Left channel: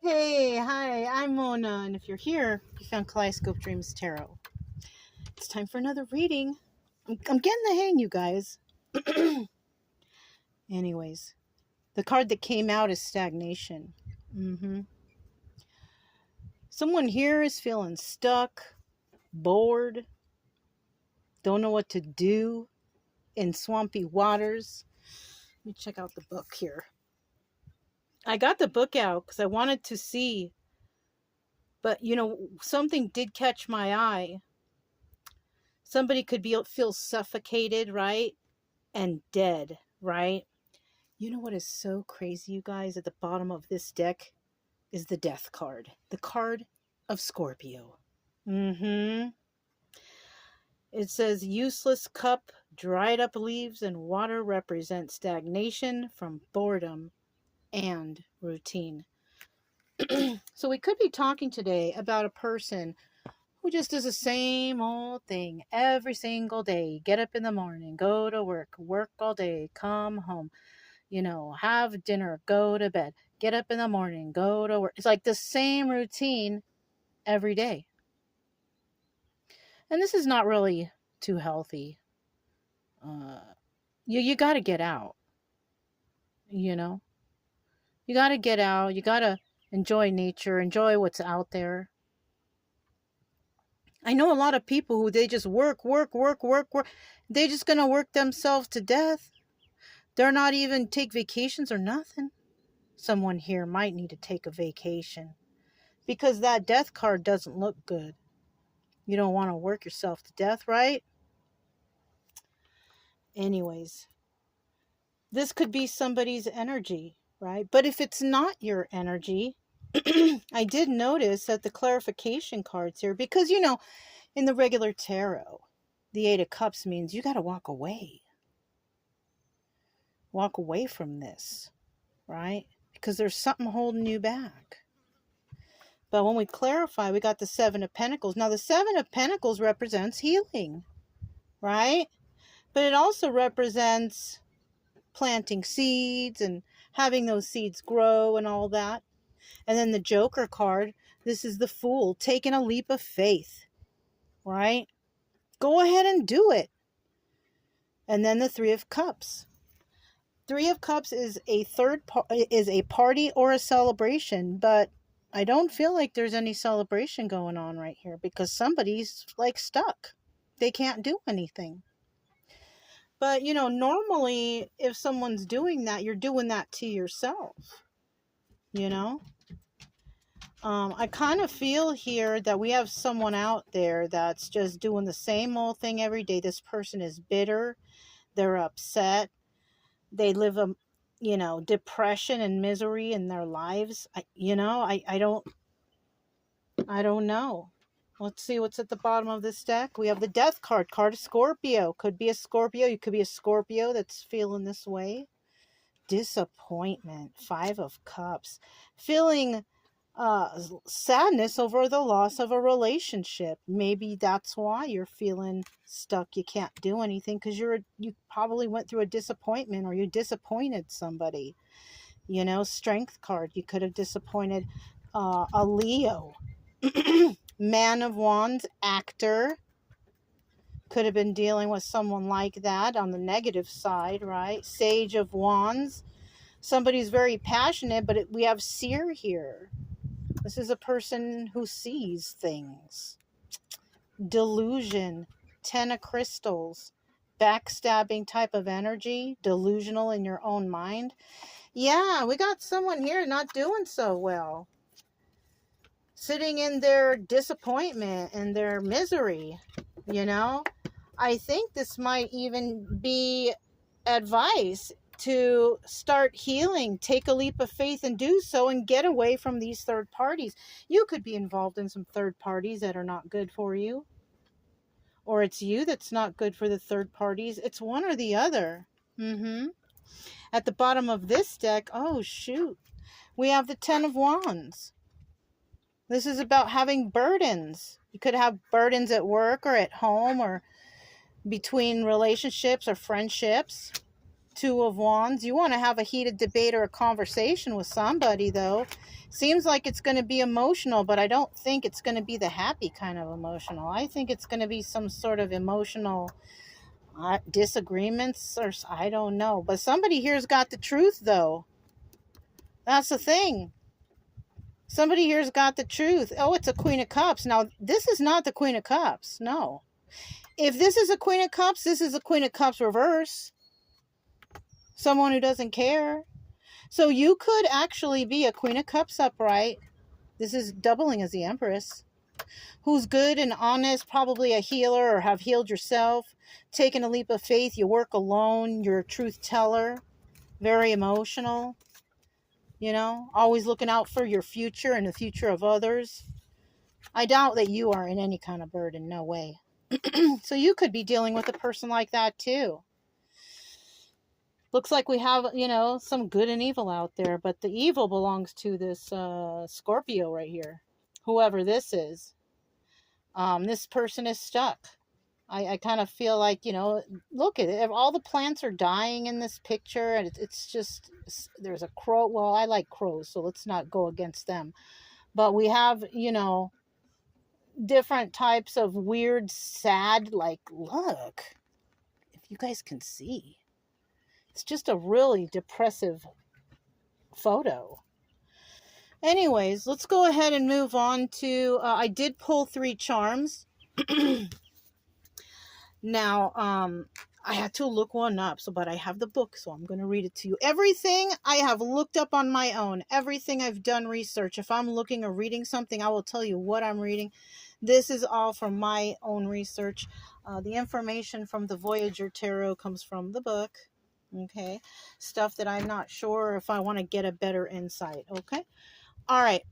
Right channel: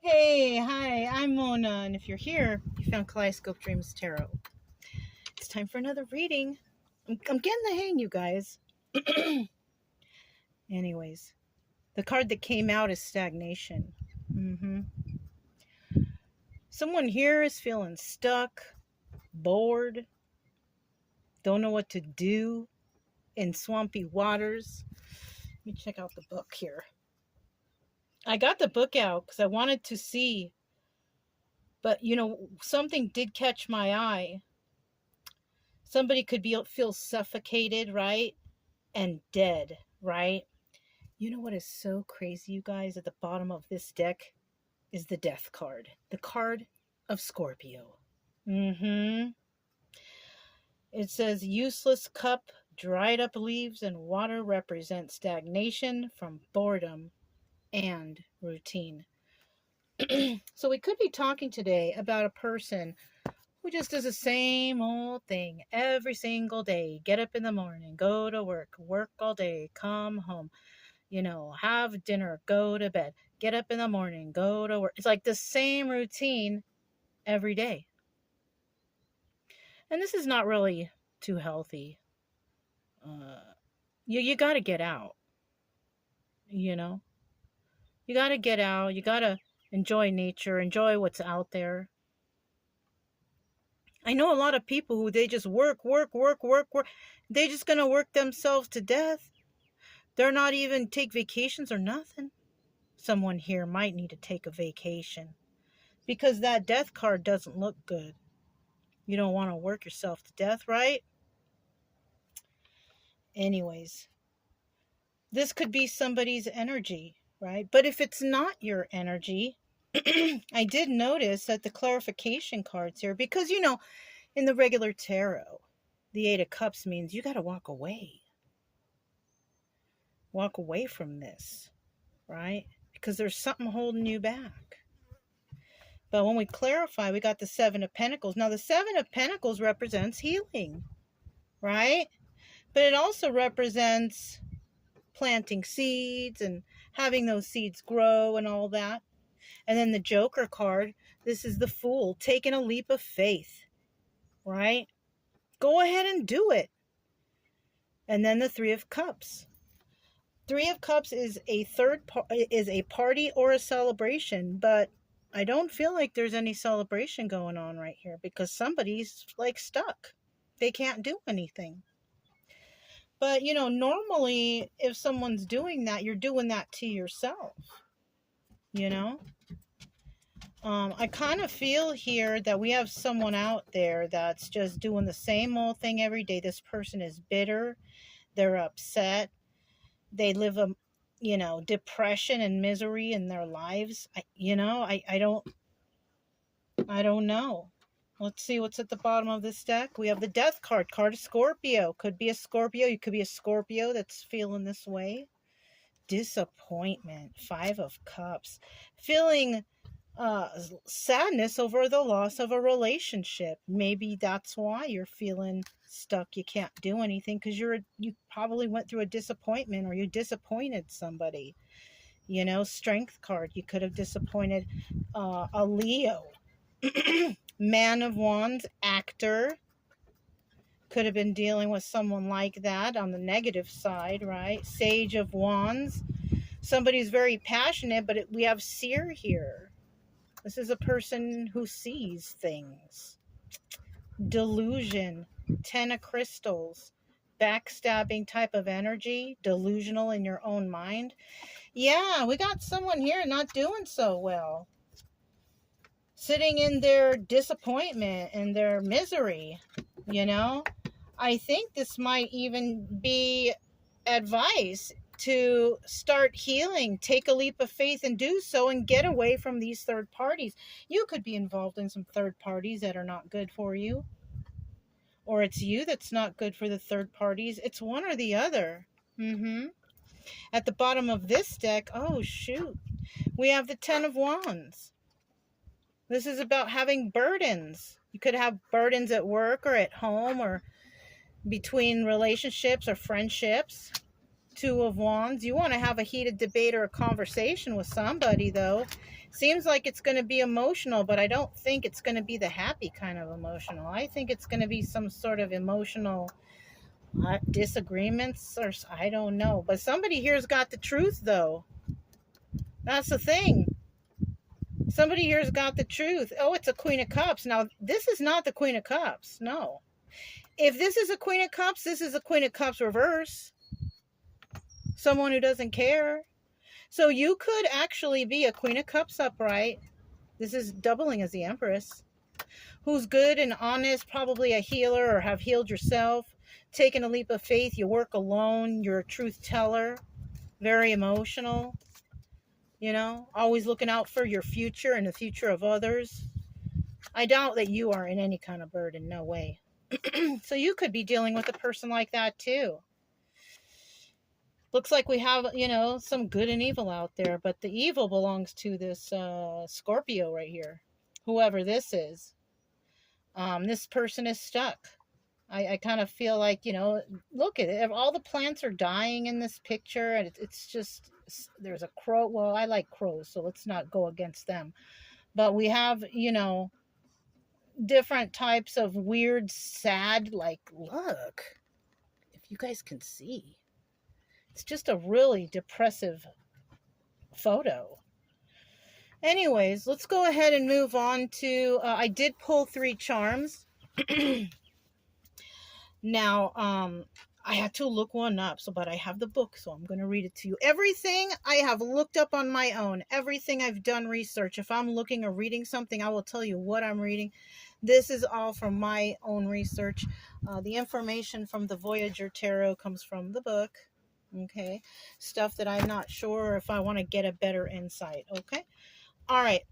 Hey, hi, I'm Mona, and if you're here, you found Kaleidoscope Dreams Tarot. It's time for another reading. I'm getting the hang, you guys. Anyways, the card that came out is stagnation. Someone here is feeling stuck, bored, don't know what to do in swampy waters. Let me check out the book here. I got the book out because I wanted to see, but something did catch my eye. Somebody could feel suffocated, right? And dead, right? You know what is so crazy, you guys? At the bottom of this deck is the death card. The card of Scorpio. It says useless cup, dried up leaves, and water represent stagnation from boredom and routine. So we could be talking today about a person who just does the same old thing every single day. Get up in the morning, go to work all day, come home, have dinner, go to bed, get up in the morning, go to work. It's like the same routine every day. And this is not really too healthy. You got to get out, you got to get out. You got to enjoy nature, enjoy what's out there. I know a lot of people who they just work. They're just going to work themselves to death. They're not even take vacations or nothing. Someone here might need to take a vacation because that death card doesn't look good. You don't want to work yourself to death, right? Anyways, this could be somebody's energy, right? But if it's not your energy, I did notice that the clarification cards here, because, in the regular tarot, the Eight of Cups means you got to walk away. Walk away from this, right? Because there's something holding you back. But when we clarify, we got the Seven of Pentacles. Now, the Seven of Pentacles represents healing, right? But it also represents planting seeds and having those seeds grow and all that. And then the Joker card, this is the Fool, taking a leap of faith, right? Go ahead and do it. And then the Three of Cups. Three of Cups is a party or a celebration, but I don't feel like there's any celebration going on right here because somebody's like stuck. They can't do anything. But, normally if someone's doing that, you're doing that to yourself, I kind of feel here that we have someone out there that's just doing the same old thing every day. This person is bitter. They're upset. They live a, depression and misery in their lives. I don't know. Let's see what's at the bottom of this deck. We have the Death card of Scorpio. Could be a Scorpio. You could be a Scorpio that's feeling this way. Disappointment. Five of Cups. Feeling sadness over the loss of a relationship. Maybe that's why you're feeling stuck. You can't do anything because you probably went through a disappointment or you disappointed somebody. Strength card. You could have disappointed a Leo. Man of Wands, actor. Could have been dealing with someone like that on the negative side, right? Sage of Wands. Somebody's very passionate, but we have seer here. This is a person who sees things. Delusion. Ten of Crystals. Backstabbing type of energy. Delusional in your own mind. Yeah, we got someone here not doing so well. Sitting in their disappointment and their misery, I think this might even be advice to start healing, take a leap of faith and do so and get away from these third parties. You could be involved in some third parties that are not good for you. Or it's you that's not good for the third parties. It's one or the other. At the bottom of this deck, oh shoot, we have the Ten of Wands. This is about having burdens. You could have burdens at work or at home or, between relationships or friendships. Two of Wands. You want to have a heated debate or a conversation with somebody, though. Seems like it's going to be emotional, but I don't think it's going to be the happy kind of emotional. I think it's going to be some sort of emotional disagreements, or I don't know. But somebody here's got the truth, though. That's the thing. Somebody here's got the truth. Oh, it's a Queen of Cups. Now, this is not the Queen of Cups. No. If this is a Queen of Cups, this is a Queen of Cups reverse. Someone who doesn't care. So you could actually be a Queen of Cups upright. This is doubling as the Empress. Who's good and honest, probably a healer or have healed yourself. Taking a leap of faith. You work alone. You're a truth teller. Very emotional. You know, always looking out for your future and the future of others. I doubt that you are in any kind of burden. No way. So you could be dealing with a person like that too. Looks like we have, you know, some good and evil out there, but the evil belongs to this Scorpio right here. Whoever this is. This person is stuck. I kind of feel like, you know, look at it. All the plants are dying in this picture, and it's just, there's a crow. Well, I like crows, so let's not go against them. But we have, you know, different types of weird, sad, like, look, if you guys can see. It's just a really depressive photo. Anyways, let's go ahead and move on to, I did pull 3 charms. Now, I had to look one up, but I have the book, so I'm going to read it to you. Everything I have looked up on my own. Everything I've done research. If I'm looking or reading something, I will tell you what I'm reading. This is all from my own research. The information from the Voyager Tarot comes from the book. Okay, stuff that I'm not sure if I want to get a better insight. Okay, all right.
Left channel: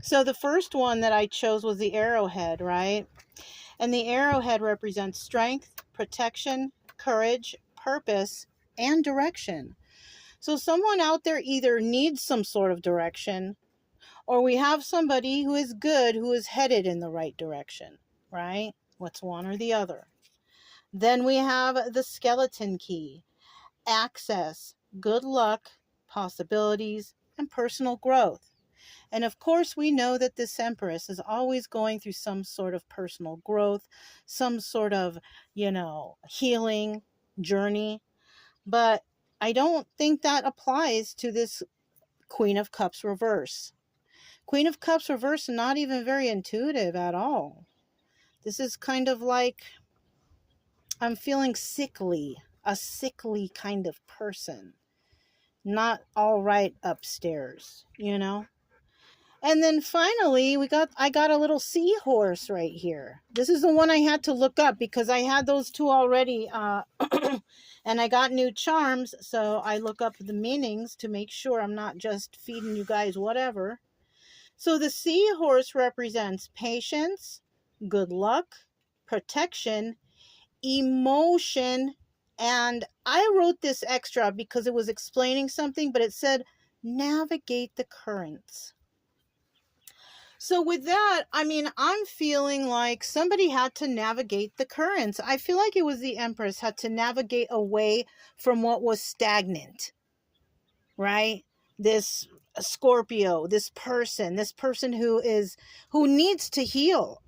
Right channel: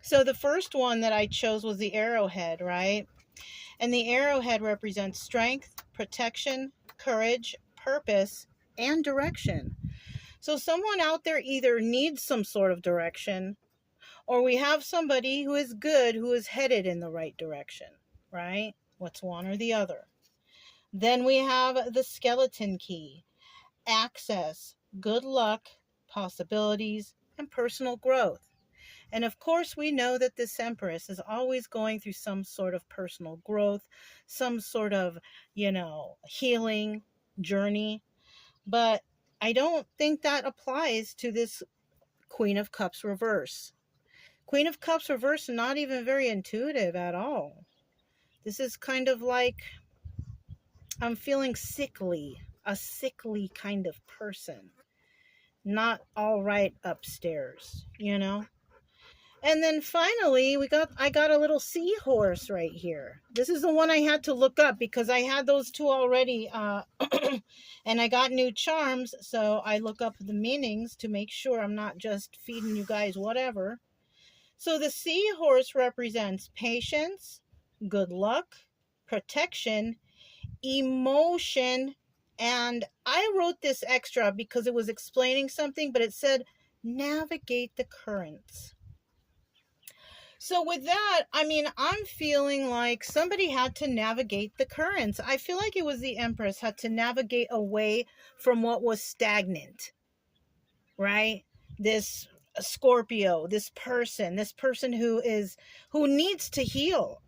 So the first one that I chose was the arrowhead, right? And the arrowhead represents strength, protection, courage, purpose, and direction. So someone out there either needs some sort of direction, or we have somebody who is good, who is headed in the right direction, right? What's one or the other? Then we have the skeleton key. Access, good luck, possibilities, and personal growth. And of course, we know that this Empress is always going through some sort of personal growth, some sort of, you know, healing journey. But I don't think that applies to this Queen of Cups reverse. Queen of Cups reverse, not even very intuitive at all. This is kind of like, I'm feeling sickly. A sickly kind of person, not all right upstairs, you know. And then finally I got a little seahorse right here. This is the one I had to look up because I had those 2 already, and I got new charms, so I look up the meanings to make sure I'm not just feeding you guys whatever. So the seahorse represents patience, good luck, protection, emotion. And I wrote this extra because it was explaining something, but it said navigate the currents. So with that, I mean, I'm feeling like somebody had to navigate the currents. I feel like it was the Empress had to navigate away from what was stagnant, right? This Scorpio, this person who needs to heal.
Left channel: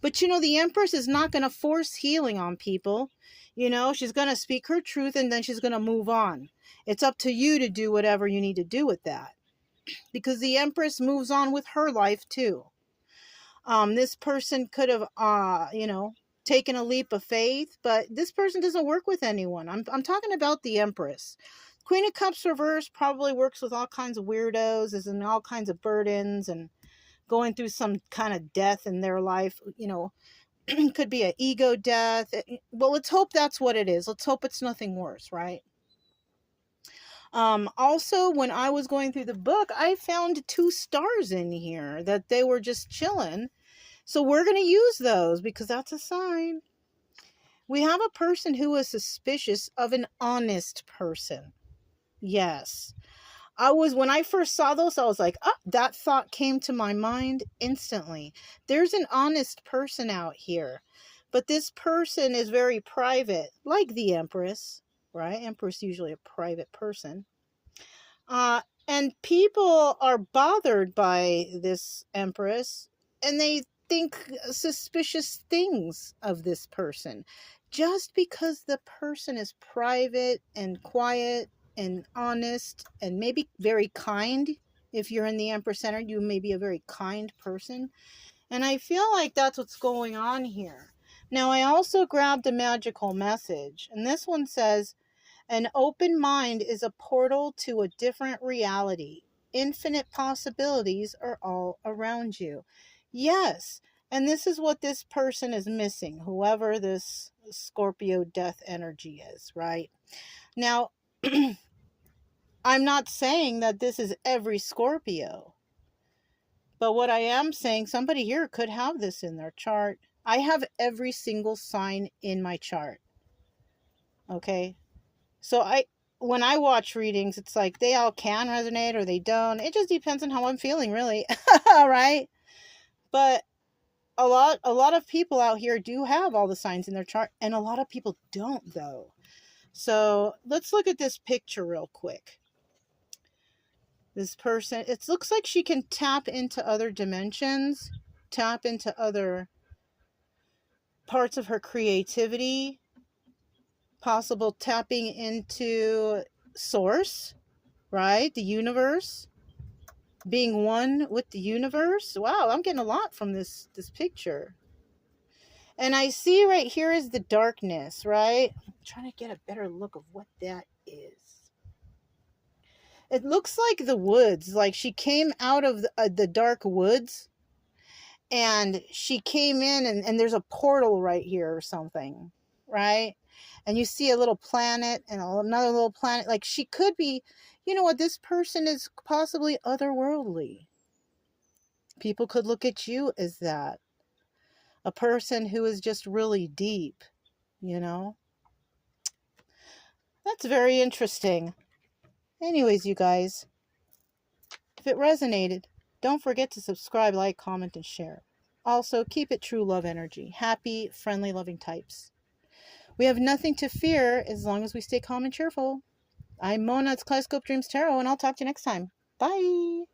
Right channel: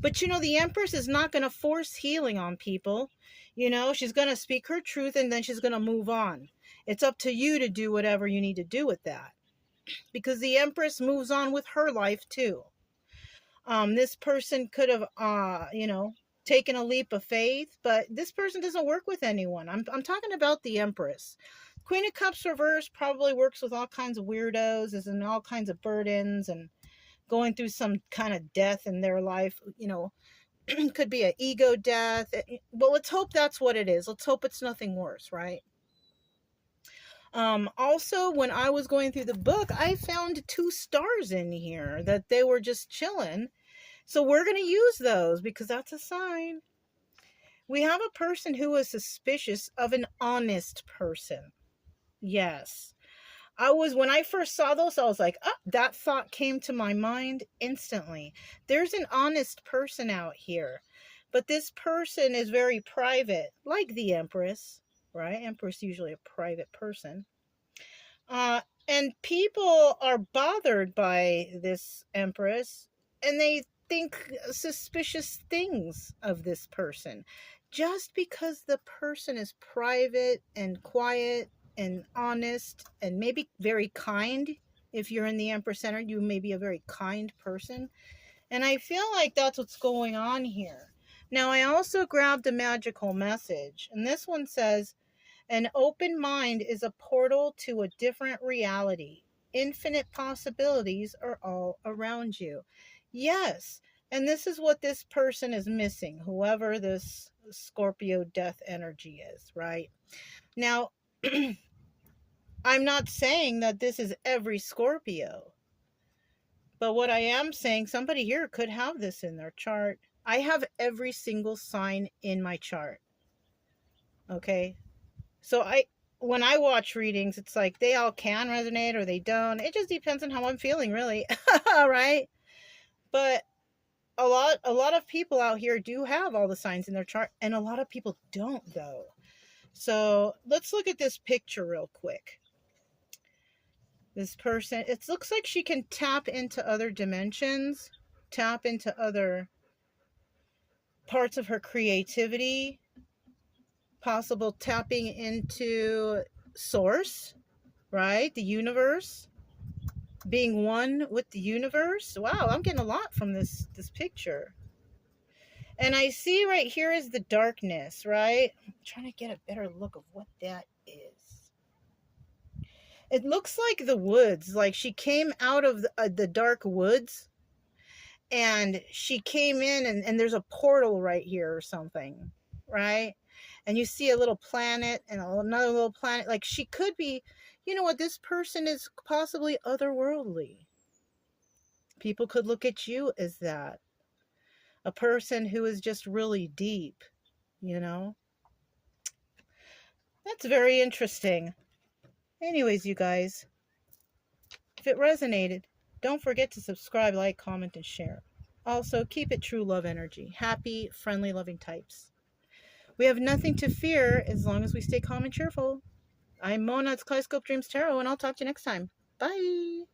But you know, the Empress is not going to force healing on people. You know, she's going to speak her truth and then she's going to move on. It's up to you to do whatever you need to do with that. Because the Empress moves on with her life too. This person could have, you know, taken a leap of faith, but this person doesn't work with anyone. I'm talking about the Empress. Queen of Cups reverse probably works with all kinds of weirdos, is in all kinds of burdens and going through some kind of death in their life, you know. Could be an ego death. Well, let's hope that's what it is. Let's hope it's nothing worse, right? Also, when I was going through the book, I found 2 stars in here that they were just chilling. So we're going to use those because that's a sign. We have a person who is suspicious of an honest person. Yes. When I first saw those, I was like, oh, that thought came to my mind instantly. There's an honest person out here. But this person is very private, like the Empress, right? Empress usually a private person. And people are bothered by this Empress, and they think suspicious things of this person. Just because the person is private and quiet and honest and maybe very kind. If you're in the Empress Center, you may be a very kind person. And I feel like that's what's going on here. Now, I also grabbed a magical message, and this one says, an open mind is a portal to a different reality. Infinite possibilities are all around you. Yes, and this is what this person is missing, whoever this Scorpio death energy is, right? Now, I'm not saying that this is every Scorpio, but what I am saying, somebody here could have this in their chart. I have every single sign in my chart. Okay? So when I watch readings, it's like they all can resonate or they don't. It just depends on how I'm feeling, really. Right? But a lot of people out here do have all the signs in their chart, and a lot of people don't, though. So let's look at this picture real quick. This person, it looks like she can tap into other dimensions, tap into other parts of her creativity, possible tapping into source, right? The universe, being one with the universe. Wow, I'm getting a lot from this picture. And I see right here is the darkness, right? I'm trying to get a better look of what that is. It looks like the woods, like she came out of the dark woods, and she came in, and there's a portal right here or something, right? And you see a little planet and another little planet. Like she could be, you know what, this person is possibly otherworldly. People could look at you as that. A person who is just really deep, you know? That's very interesting. Anyways, you guys, if it resonated, don't forget to subscribe, like, comment, and share. Also, keep it true love energy. Happy, friendly, loving types. We have nothing to fear as long as we stay calm and cheerful. I'm Mona, it's Kaleidoscope Dreams Tarot, and I'll talk to you next time. Bye!